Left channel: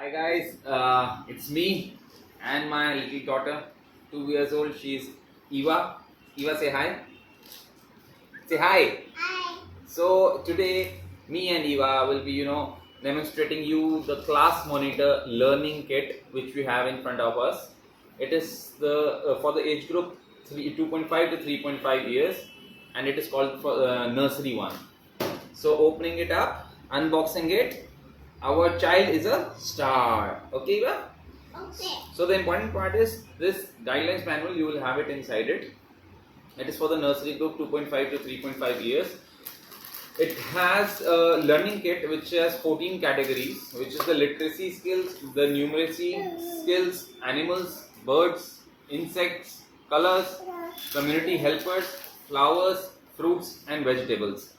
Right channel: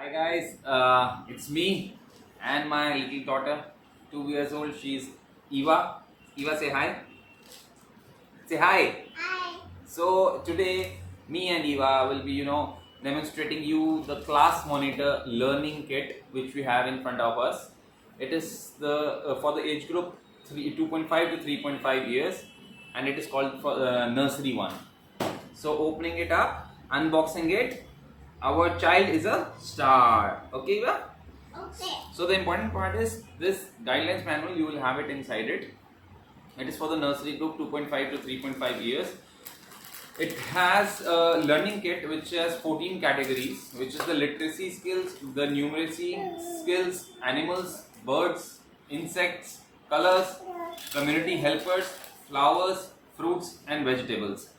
Hi guys, it's me and my little daughter, 2 years old. She's Eva. Eva, say hi. Say hi. Hi. So today, me and Eva will be, demonstrating you the class monitor learning kit which we have in front of us. It is the for the age group 2.5 to 3.5 years, and it is called for nursery one. So opening it up, unboxing it. Our child is a star. Okay, Eva? Okay. So the important part is this guidelines manual. You will have it inside it. It is for the nursery group 2.5 to 3.5 years. It has a learning kit which has 14 categories, which is the literacy skills, the numeracy skills, animals, birds, insects, colors, community helpers, flowers, fruits and vegetables,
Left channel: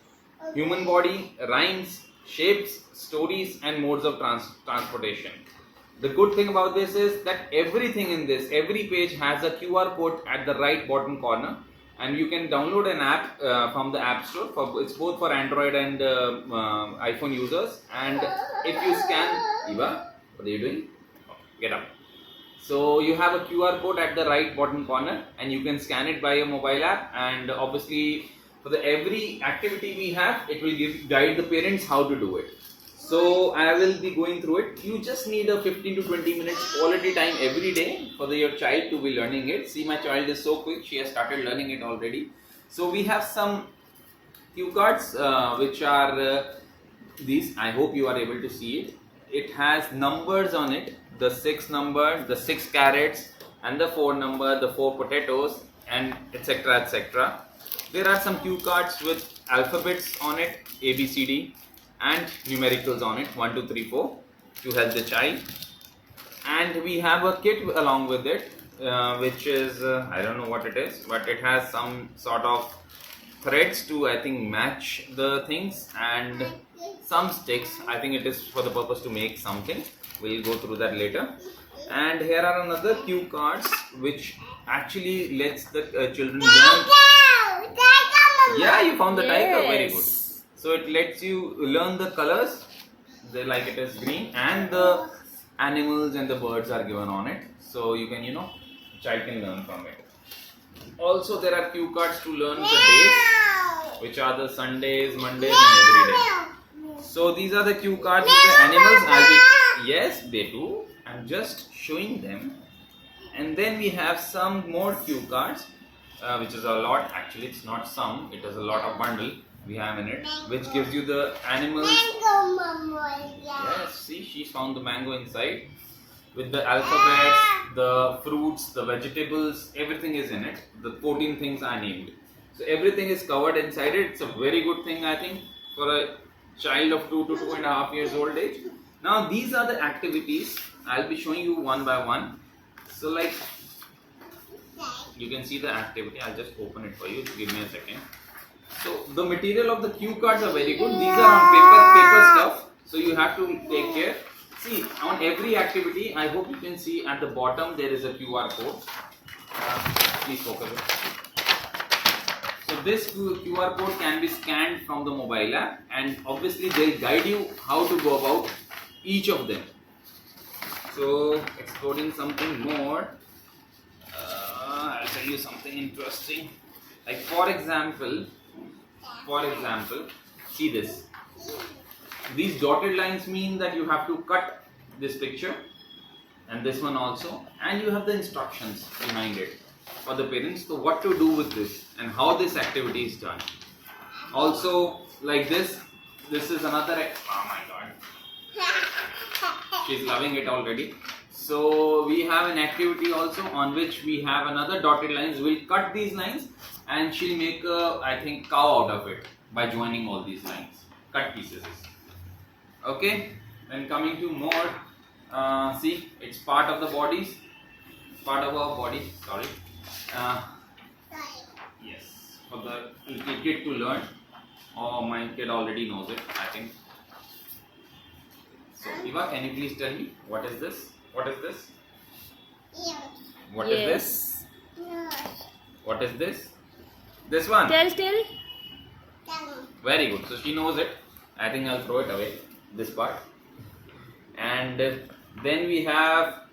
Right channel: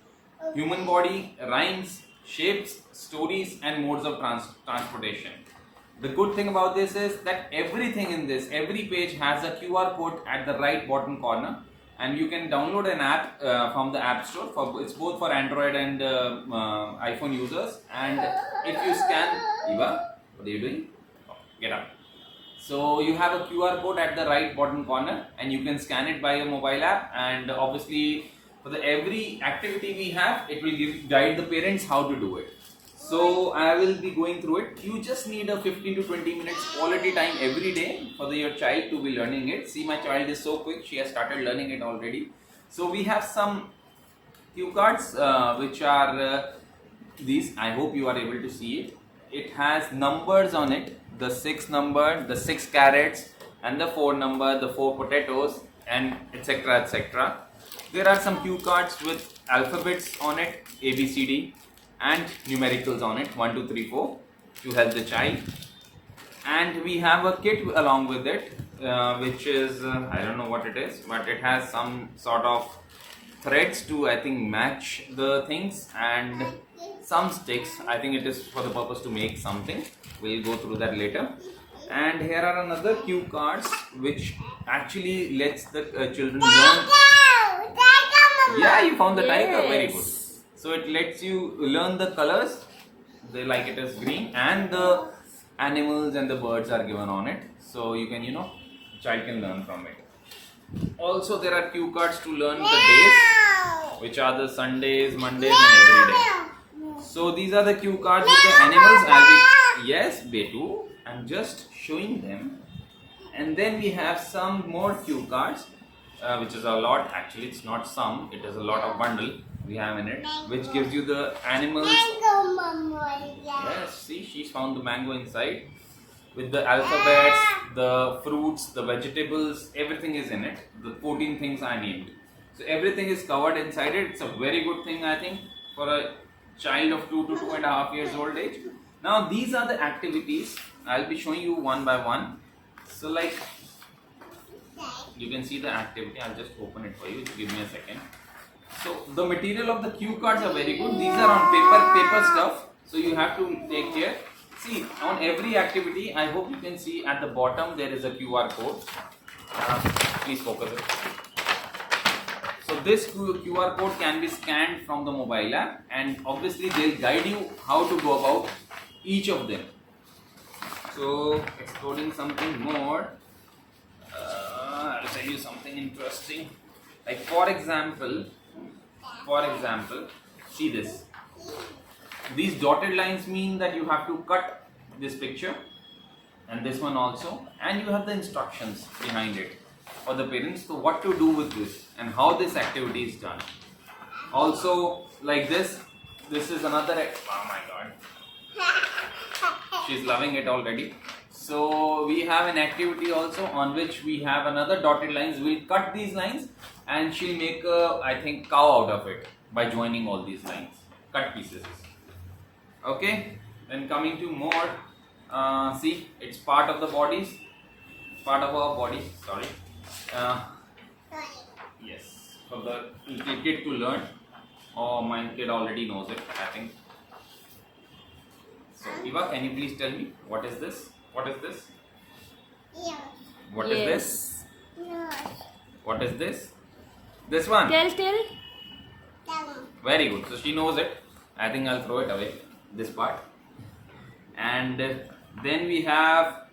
human body, rhymes, shapes, stories and modes of transportation. The good thing about this is that everything in this, every page has a QR code at the right bottom corner, and you can download an app from the App Store. It's both for Android and iPhone users. And if you scan, Eva, what are you doing? Oh, get up. So you have a QR code at the right bottom corner, and you can scan it by a mobile app. And obviously, for the every activity we have, it will guide the parents how to do it. So I will be going through it. You just need a 15 to 20 minutes quality time every day for your child to be learning it. See, my child is so quick; she has started learning it already. So we have some cue cards which are these. I hope you are able to see it. It has numbers on it: the 6 number, the 6 carrots, and the 4 number, the 4 potatoes, and etc. etc. There are some cue cards with alphabets on it, A, B, C, D, and numericals on it, 1, 2, 3, 4, to help the child. And we have a kit along with it, which is I don't know what it is, but it has some sort of threads to, I think, match the things, and some sticks. I think it is for the purpose to make something. We'll go through that later. And here are another cue cards which actually lets the children learn. Yeah, you found the tiger. Very good. So it lets you learn the colors, like it is green, and the animals and the birds are given on it. So you can, child can learn from it. Also, there are cue cards to learn the days, which are the Sundays, Mondays, and every day. So these are the cue cards with the animals. Yes, they do. I'm just showing them. And then we have some more cue cards, which is a lot. Actually, it's not some. It is a lot of bundle we have in it, which gives you the animals. Yes, see, she's found the mango inside. With the alphabets, the fruits, the vegetables, everything is in it. The 14 things are named. So everything is covered inside it. It's a very good thing, I think, for a child of 2 to 2.5 years old age. Now these are the activities. I'll be showing you one by one. So like, you can see the activity. I'll just open it for you. Give me a second. So the material of the cue cards are very good. These are on paper stuff. So you have to take care. See, on every activity, I hope you can see at the bottom there is a QR code. Please focus it. So this QR code can be scanned from the mobile app, and obviously they'll guide you how to go about each of them. So exploring something more, I'll tell you something interesting. Like for example, see this. These dotted lines mean that you have to cut this picture and this one also, and you have the instructions behind it for the parents to what to do with this and how this activity is done. Also, like this is another. Oh my god, she's loving it already. So we have an activity also on which we have another dotted lines. We'll cut these lines and she'll make a, I think, cow out of it by joining all these lines, cut pieces. Okay, then coming to more, see, it's part of the bodies, part of our body, sorry. Yes, for the kid to learn. Oh, my kid already knows it, I think. So Eva, can you please tell me, what is this? What is this? What is this? What is this? This one? Tell. Very good. So she knows it. I think I'll throw it away, this part. And Then we have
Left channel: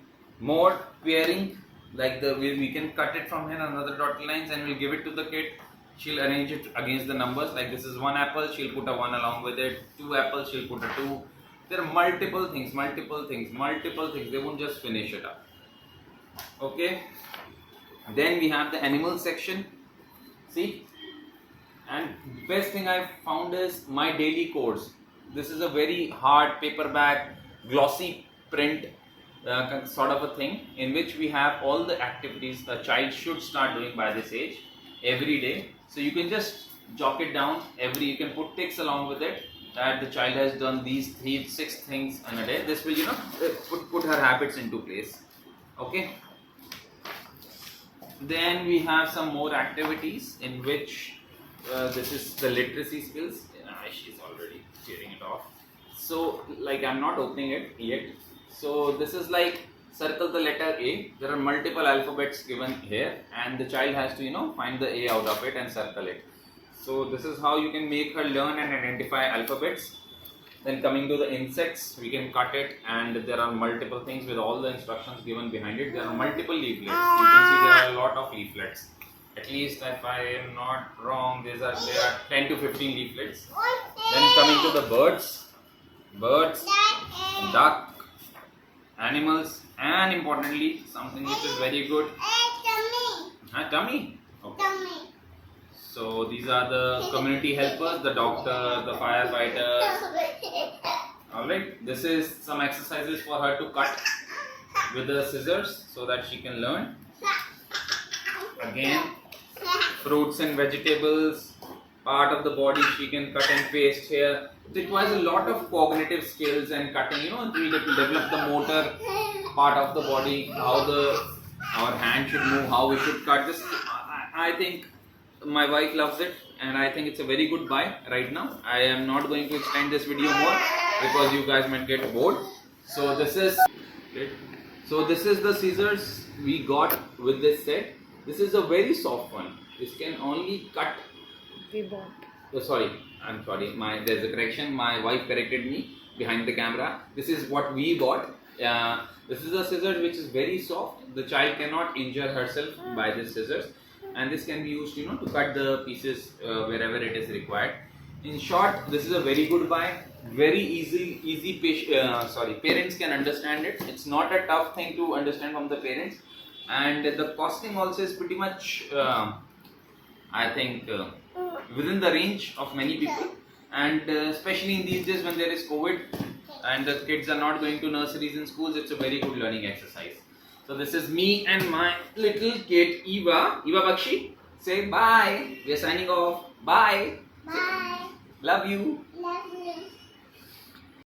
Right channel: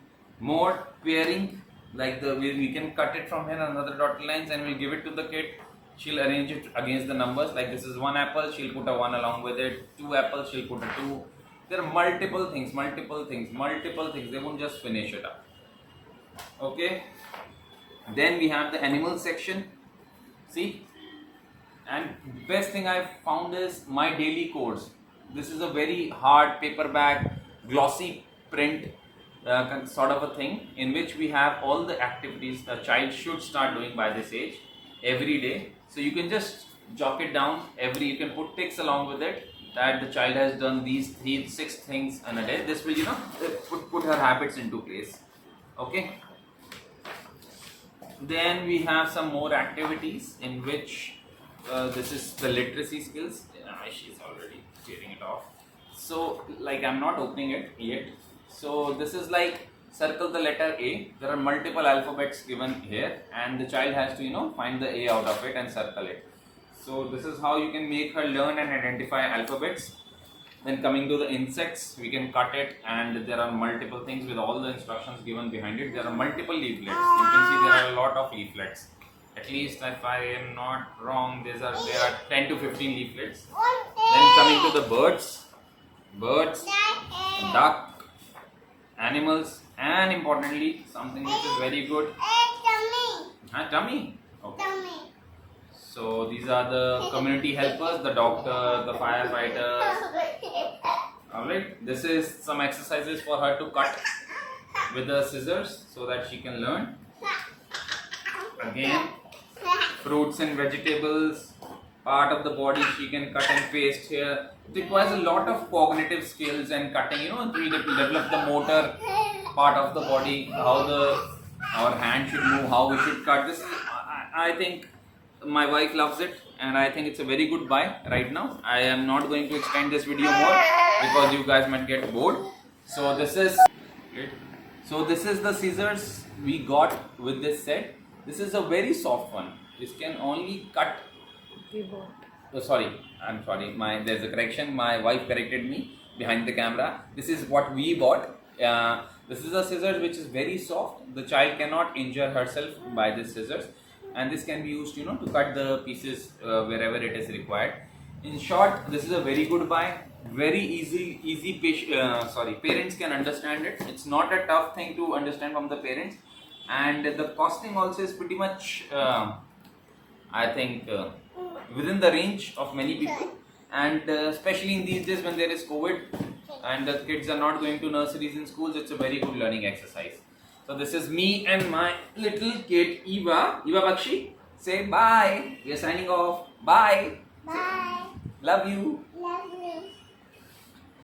more pairing, like we can cut it from here another dotted lines and we'll give it to the kid. She'll arrange it against the numbers, like this is 1 apple, she'll put a 1 along with it, 2 apples, she'll put a 2. There are multiple things, they won't just finish it up. Okay, then we have the animal section. See, and best thing I found is My Daily Course. This is a very hard paperback glossy print sort of a thing, in which we have all the activities a child should start doing by this age every day. So you can just jot it down you can put ticks along with it that the child has done these 6 things in a day. This will put her habits into place. Okay, then we have some more activities in which this is the literacy skills. She's already tearing it off, so like I'm not opening it yet. So this is like circle the letter A. There are multiple alphabets given here and the child has to find the A out of it and circle it. So this is how you can make her learn and identify alphabets. Then coming to the insects, we can cut it and there are multiple things with all the instructions given behind it. There are multiple leaflets. You can see there are a lot of leaflets. At least if I am not wrong, there are 10 to 15 leaflets. Then coming to the birds, duck, animals, and importantly something which is very good. Tummy. Okay. So these are the community helpers, the doctor, the firefighters. Alright, this is some exercises for her to cut with the scissors so that she can learn. Again, fruits and vegetables, part of the body she can cut and paste here. It requires a lot of cognitive skills and cutting, to develop the motor part of the body, how our hand should move, how we should cut this. I think my wife loves it and I think it's a very good buy right now. I am not going to extend this video more because you guys might get bored. So this is the scissors we got with this set. This is a very soft one. This can only cut. I'm sorry. There's a correction. My wife corrected me behind the camera. This is what we bought. This is a scissors which is very soft. The child cannot injure herself by this scissors, and this can be used, to cut the pieces wherever it is required. In short, this is a very good buy. Very easy. Parents can understand it. It's not a tough thing to understand from the parents, and the costing also is pretty much, I think, within the range of many people. And especially in these days when there is COVID and the kids are not going to nurseries and schools, it's a very good learning exercise. So this is me and my little kid Eva Bakshi. Say bye. We are signing off. Bye. Bye. Love you. Love you.